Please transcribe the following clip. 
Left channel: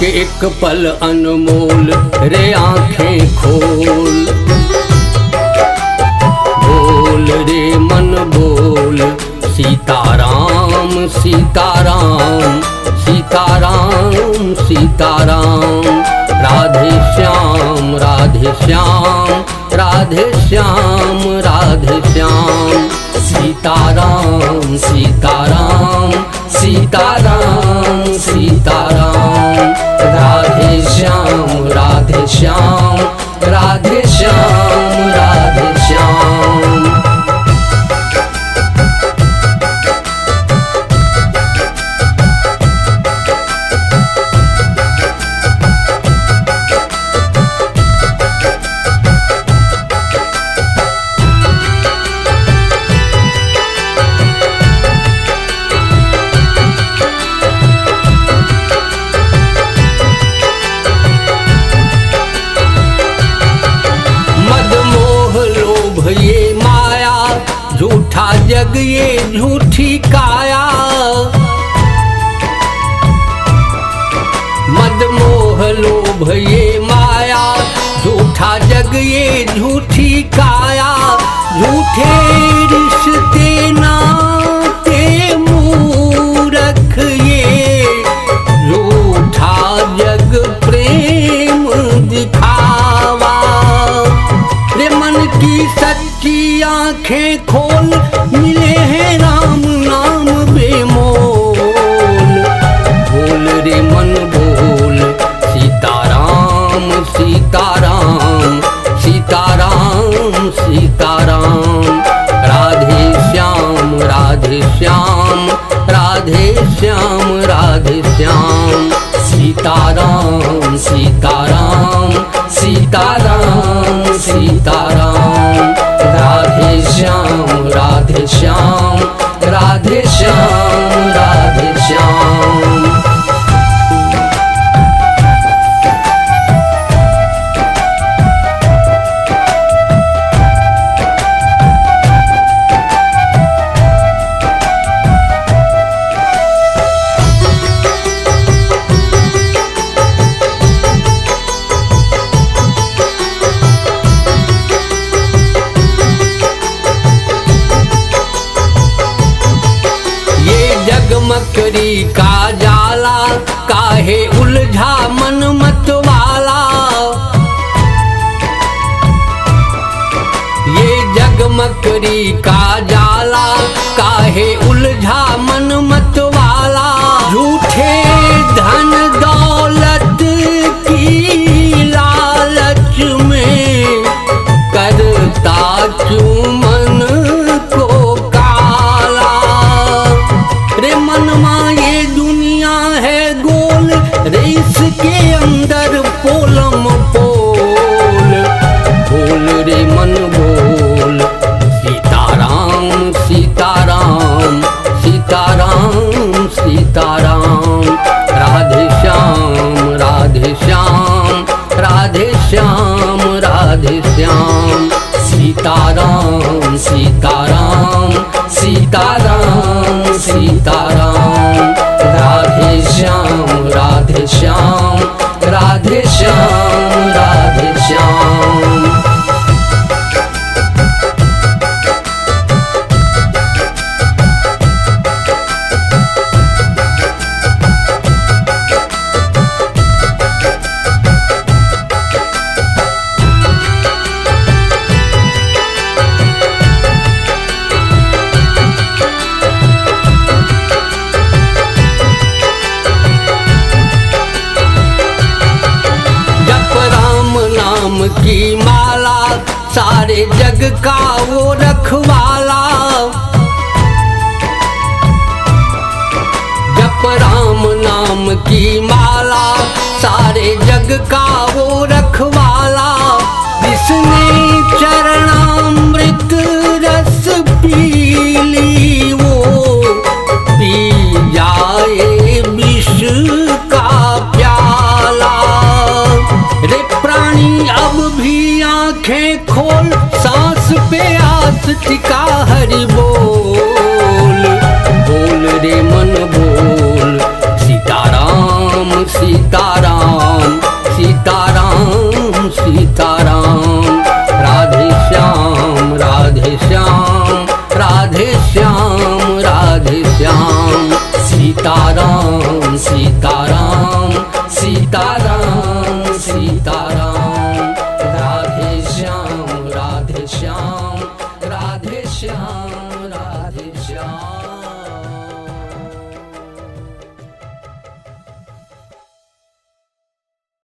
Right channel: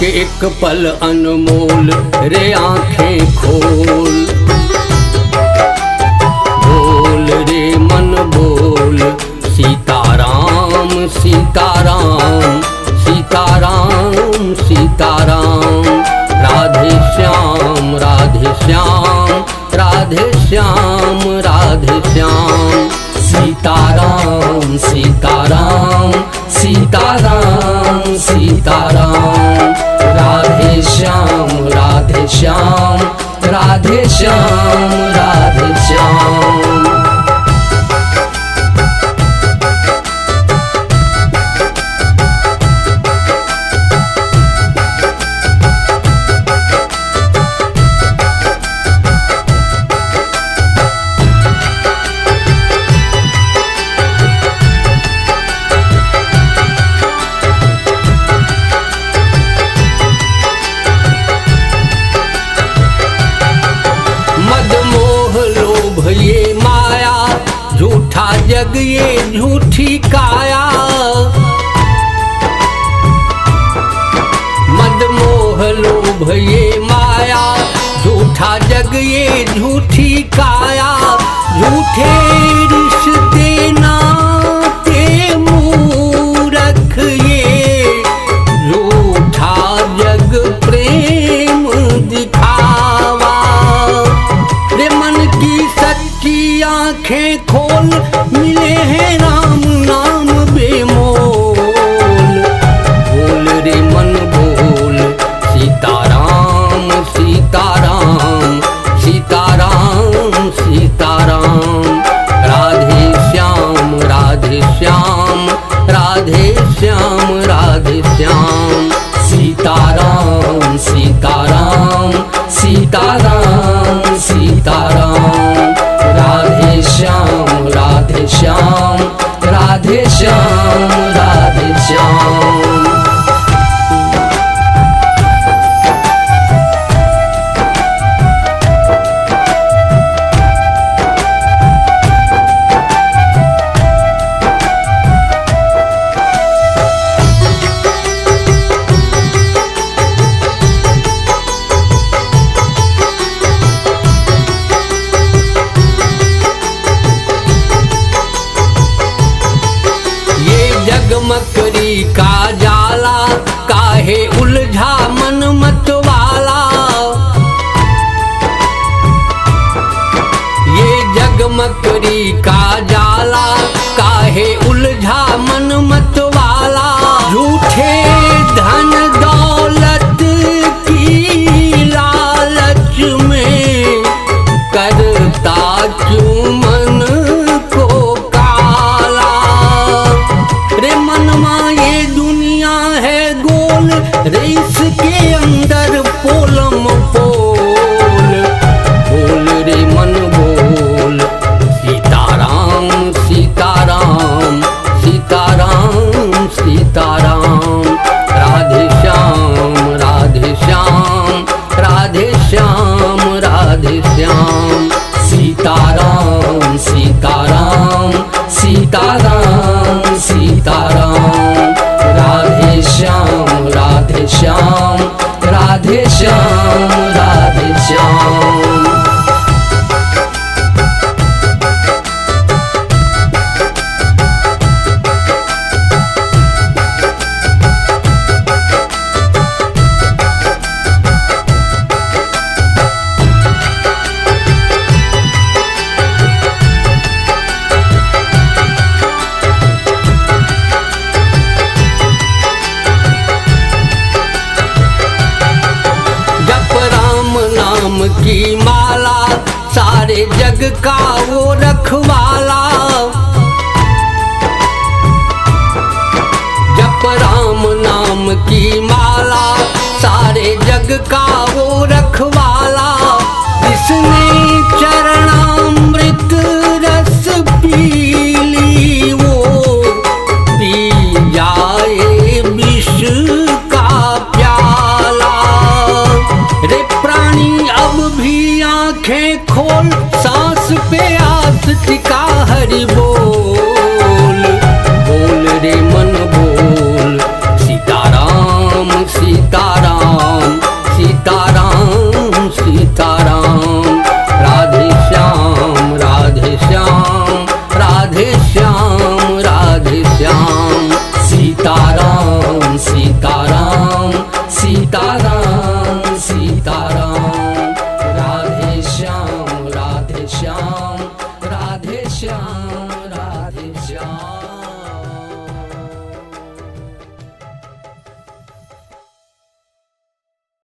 के एक पल अनमोल रे आंखें खोल। बोल रे मन बोल सीताराम सीताराम सीताराम सीताराम। राधे श्याम राधे श्याम राधे श्याम राधे श्याम। सीताराम सीताराम सीताराम सीताराम। राधे श्याम राधे श्याम राधे श्याम राधे श्याम। मद मोह लोभ ये माया झूठा जग ये झूठी काया। मद मोह लोभ ये माया झूठा जग ये झूठी काया। झूठे रिश्ते नाते मूरख ये झूठा जग प्रेम दिखावा। रे मन की सच्ची आंखें खोल मिले हैं राम नाम बेमोल। बोल रे मन बोल सीताराम सीताराम सीताराम सीताराम। राधे श्याम राधे श्याम राधे श्याम राधे श्याम। सीताराम सीताराम सीताराम सीताराम। राधे श्याम राधे श्याम राधे श्याम राधे श्याम। मकरी का जाला काहे उलझा मन मत वाला। ये जग मकरी का जाला काहे उलझा मन मत वाला। झूठे धन दौलत की लालच में करता क्यों मन को काला। रे मनमा ये दुनिया है गोल रे इसके अंदर पोलम पोल। बोल रे मन बोल सीताराम सीताराम सीताराम सीताराम। राधे श्याम राधे श्याम राधे श्याम राधे श्याम। सीताराम सीताराम सीताराम सीताराम। राधे श्याम राधे श्याम राधे श्याम राधे श्याम। जप राम नाम की माला सारे जग का वो रखवाला। जप राम नाम की माला सारे जग का वो रखवाला। जिसने चरणामृत रस पी ली वो पी जाए विष का प्याला। रे प्राणी अब भी आंखें खोल सांस पे आस टिका हरि बोल। बोल रे मन बोल सीताराम राम सीताराम सीताराम सीताराम राधे श्याम राधे श्याम राधे श्याम राधे श्याम सीताराम सीताराम सीताराम सीताराम राधे श्याम राधे श्याम